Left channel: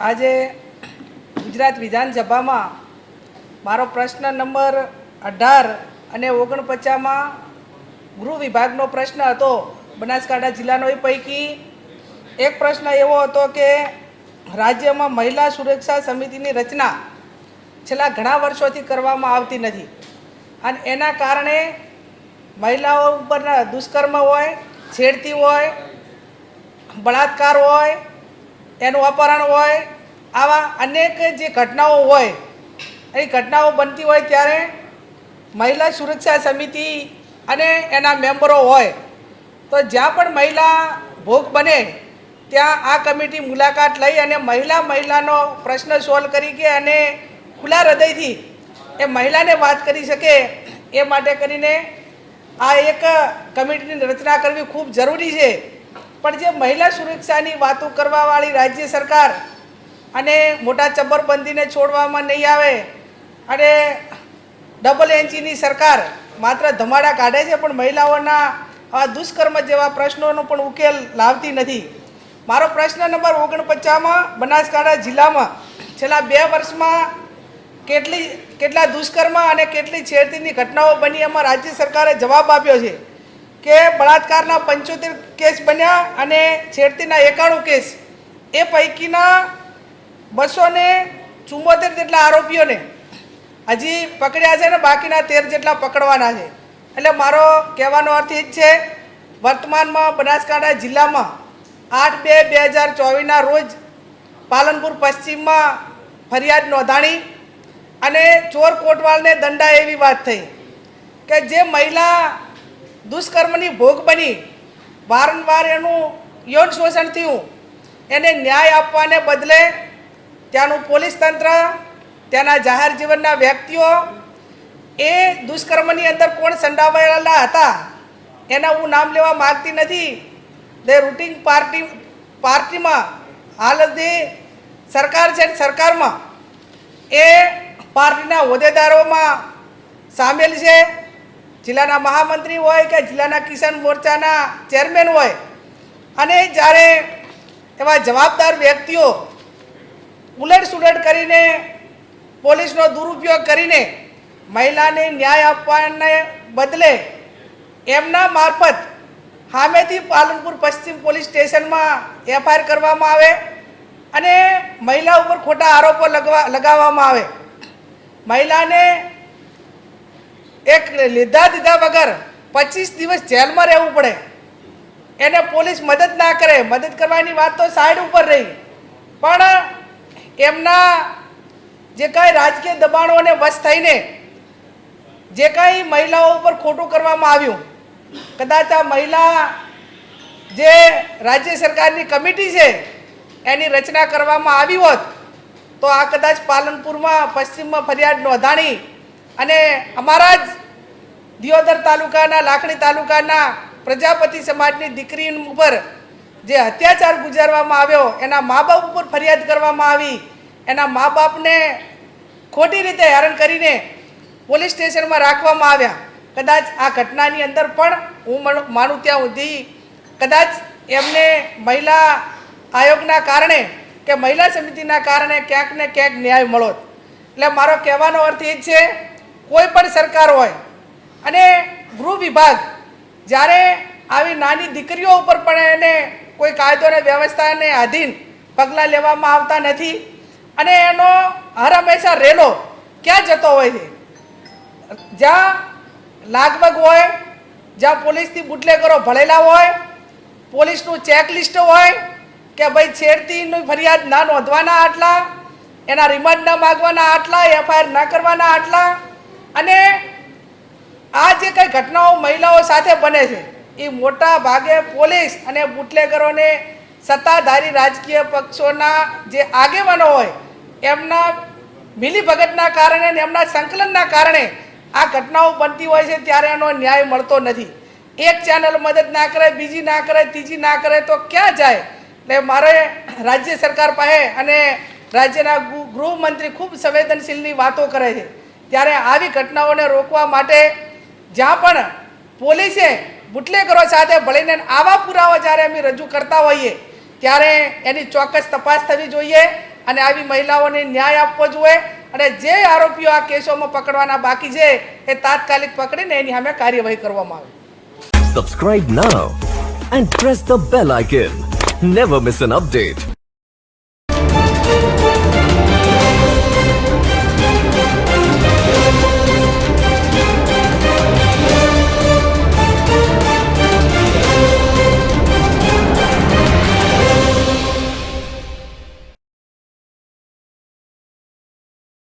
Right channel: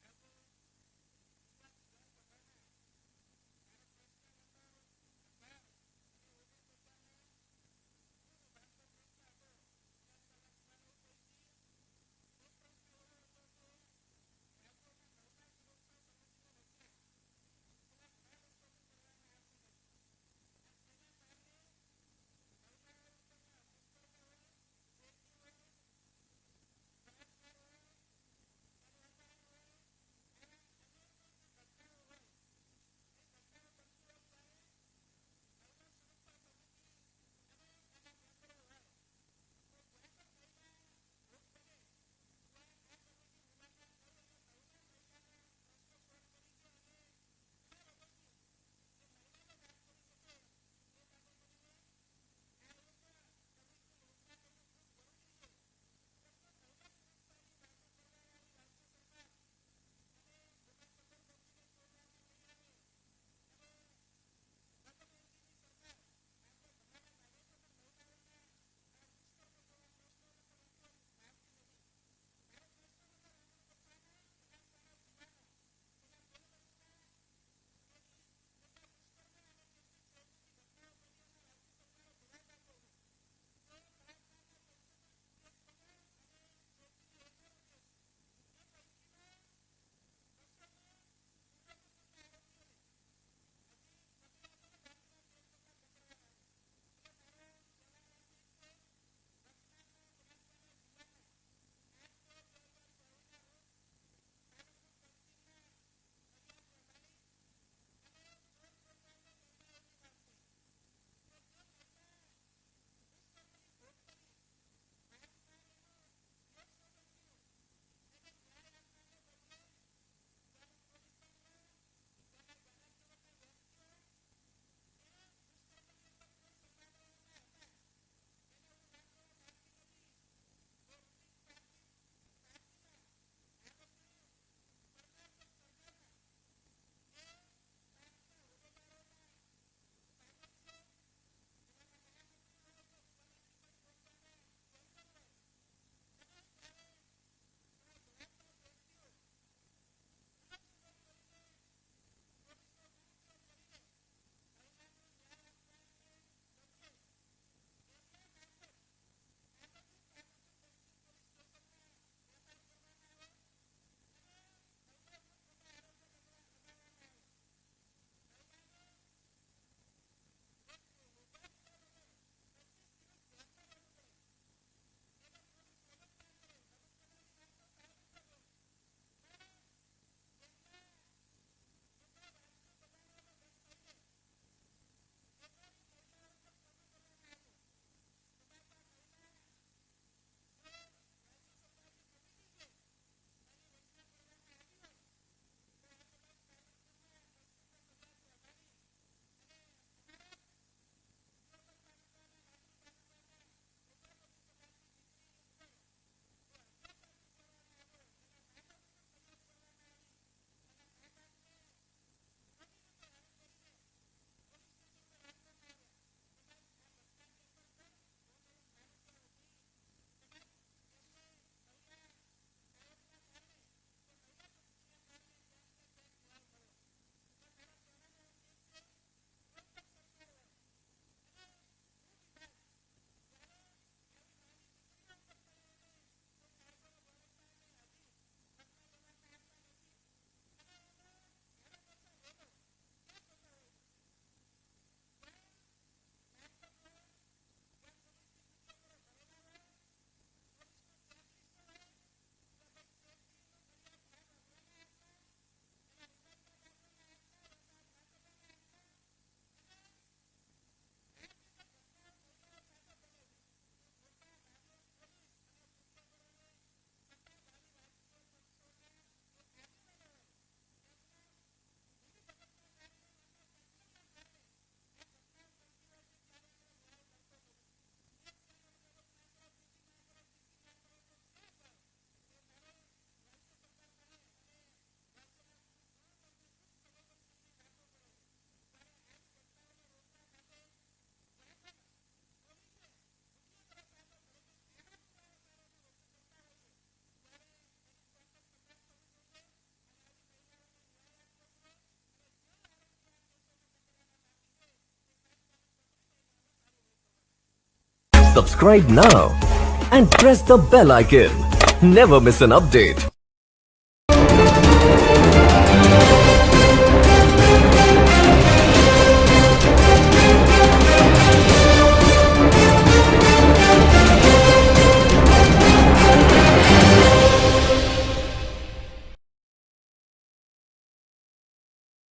આજે ગુજરાત વિધાનસભામાં મારો પ્રશ્ન નંબર અઢાર અને ઓગણપચાસમાં ગૃહ વિભાગનો પ્રશ્ન હતો. બનાસકાંઠા જિલ્લાનો એ પૈકી એક પ્રશ્ન એવો હતો કે રાજ્યમાં મહિલા સુરક્ષા સમિતિની રચના છેલ્લા ઘણા વર્ષોથી કરવામાં આવતી નથી. અને એના કારણે મહિલાઓ ઉપરના દુષ્કર્મ હોય, છેડતી હોય, બળાત્કાર હોય એનું અપહરણ હોય, આવા અનેક જે ઘટનાઓ હોય, એ ઘટનાઓ બનતી હોય ત્યારે મહિલા સુરક્ષા સમિતિ અને એના મેમ્બરો હોય, તો જ્યાં પણ મહિલા ભોગ બને, ત્યાં આ કમિટી મુલાકાત લઈ અને મહિલા મહિલાનો પ્રશ્ન સોલ્વ કરી કે અને ખુલ્લા હૃદયથી એ મહિલાને વાત કરી શકે, એ માટે કરીને આ એક કમિટીની રચના કરવી ખૂબ જરૂરી છે. પણ જે મહિલા સુરક્ષાની વાતો કરવાવાળી રાજ્ય સરકાર અને મોટા ચબ્બરબંધીને છોડવામાં નહીં આવે અને ડબલ એન્જીની સરકાર માત્ર ધમાડા કાઢે છે, પણ મહિલાઓના આ દુષ્કર્મ જેવા પ્રશ્નોનો પણ ઉકેલ લાવતી નથી. મારો પ્રશ્ન નંબર ઓગણપચાસમાં, બનાસકાંઠા જિલ્લામાં છેલ્લા બે વર્ષમાં કેટલી, કેટલા દુષ્કર્મ અને કેટલી છેડતીની ઘટનાઓ બની એમાં રાજ્ય સરકારે જવાબ આપ્યો છે? કે બળાત્કારના પંચોતેર કેસ બન્યા અને છેડતીના એકાણું કેસ. એ પૈકીના બસો ને ચુંબોતેર જેટલા આરોપીઓને હજી પકડ્યા છે ને બાકીના તેર જેટલા પકડવાના છે. એટલે મારો કહેવાનો અર્થ એ જ છે, વર્તમાનમાં બનાસકાંઠા જિલ્લામાં આઠ બે બે હજાર ચોવીસના રોજ પાલનપુર પશ્ચિમમાં ફરિયાદ નોંધાણી અને ચોર કોટવાલને દંડા એવી વાત થઈ કે જે મહિલા દુષ્કર્મની ભોગ બની. વારંવાર એનું યૌન શોષણ થયું. એને ન્યાય આપવાને બદલે ત્યાંનું પોલીસ તંત્ર, ત્યાંના જાહેર જીવનના વ્યક્તિઓ, એ દુષ્કર્મની અંદર કોણ સંડાવાયેલા હતા, એના હું નામ લેવા માગતી નથી. દે રૂટિંગ પાર્ટી, પાર્ટીમાં હાલ જે સરકાર છે સરકારમાં એ પાર્ટીના હોદ્દેદારોમાં સામેલ છે. જિલ્લાના મહામંત્રી હોય કે જિલ્લાના કિસાન મોરચાના ચેરમેન હોય, અને જ્યારે એવા જવાબદાર વ્યક્તિઓ ઉલટ સુલટ કરીને પોલીસનો દુરુપયોગ કરીને મહિલાને ન્યાય આપવાને બદલે એમના મારફત સામેથી પાલનપુર પશ્ચિમ પોલીસ સ્ટેશનમાં એફઆઈઆર કરવામાં આવે અને મહિલા ઉપર ખોટા આરોપો લગવા લગાવવામાં આવે. મહિલાને એક લીધા દીધા વગર પચીસ દિવસ જેલમાં રહેવું પડે. એને પોલીસ મદદ ના કરે. મદદ કરવાની વાત તો સાઈડ ઉપર રહી. પણ એમના જે કાંઈ રાજકીય દબાણોને વશ થઈને જે કાંઈ મહિલાઓ ઉપર ખોટું કરવામાં આવ્યું, કદાચ આ મહિલા જે રાજ્ય સરકારની કમિટી છે, એની રચના કરવામાં આવી હોત, તો આ કદાચ પાલનપુરમાં, પશ્ચિમમાં ફરિયાદ નોંધાણી અને અમારા જ દિયોદર તાલુકાના, લાખણી તાલુકાના પ્રજાપતિ સમાજની દીકરી ઉપર જે અત્યાચાર ગુજારવામાં આવ્યો, એના મા બાપ ઉપર ફરિયાદ કરવામાં આવી, એના મા બાપને ખોટી રીતે હેરાન કરીને પોલીસ સ્ટેશનમાં રાખવામાં આવ્યા. કદાચ આ ઘટનાની અંદર પણ હું મન- ત્યાં સુધી કદાચ એમને મહિલા આયોગના કારણે કે મહિલા સમિતિના કારણે ક્યાંક ને ક્યાંક ન્યાય મળો એટલે મારો કહેવાનો અર્થ એ છે કોઈ પણ સરકાર હોય અને ગૃહ વિભાગ જ્યારે આવી નાની દીકરીઓ ઉપર પણ એને કોઈ કાયદો અને વ્યવસ્થાને આધીન પગલાં લેવામાં આવતા નથી અને એનો હર હંમેશા રેલો ક્યાં જતો હોય છે? જ્યાં લાગવગ હોય, જ્યાં પોલીસથી બુટલેગરો ભળેલા હોય, પોલીસનું ચેકલિસ્ટ હોય કે ભાઈ છેડતીની ફરિયાદ ના નોંધવાના આટલા, એના રિમાન્ડ ના માગવાના આટલા, એફઆઈઆર ના કરવાના આટલા ઘટનાઓ મહિલાઓ સાથે બને છે. એ મોટા ભાગે પોલીસ અને બુટલેગરોને સત્તાધારી રાજકીય પક્ષોના જે આગેવાનો હોય, એમના મિલીભગતના કારણે અને એમના સંકલનના કારણે આ ઘટનાઓ બનતી હોય છે ત્યારે એનો ન્યાય મળતો નથી. એક ચેનલ મદદ ના કરે, બીજી ના કરે, ત્રીજી ના કરે તો ક્યાં જાય? એટલે મારે રાજ્ય સરકાર પાસે અને રાજ્યના ગૃહમંત્રી ખૂબ સંવેદનશીલની વાતો કરે છે. ત્યારે આવી ઘટનાઓને રોકવા માટે જ્યાં પણ પોલીસે બુટલેગરો સાથે ભળીને આવા પુરાવા જ્યારે અમે રજૂ કરતા હોઈએ, ત્યારે એની ચોક્કસ તપાસ થવી જોઈએ અને આવી મહિલાઓને ન્યાય આપવો જોઈએ અને જે આરોપીઓ આ કેસોમાં પકડવાના બાકી છે, એ તાત્કાલિક પકડીને એની સામે કાર્યવાહી કરવામાં આવે subscribe now and press the bell icon never miss an update.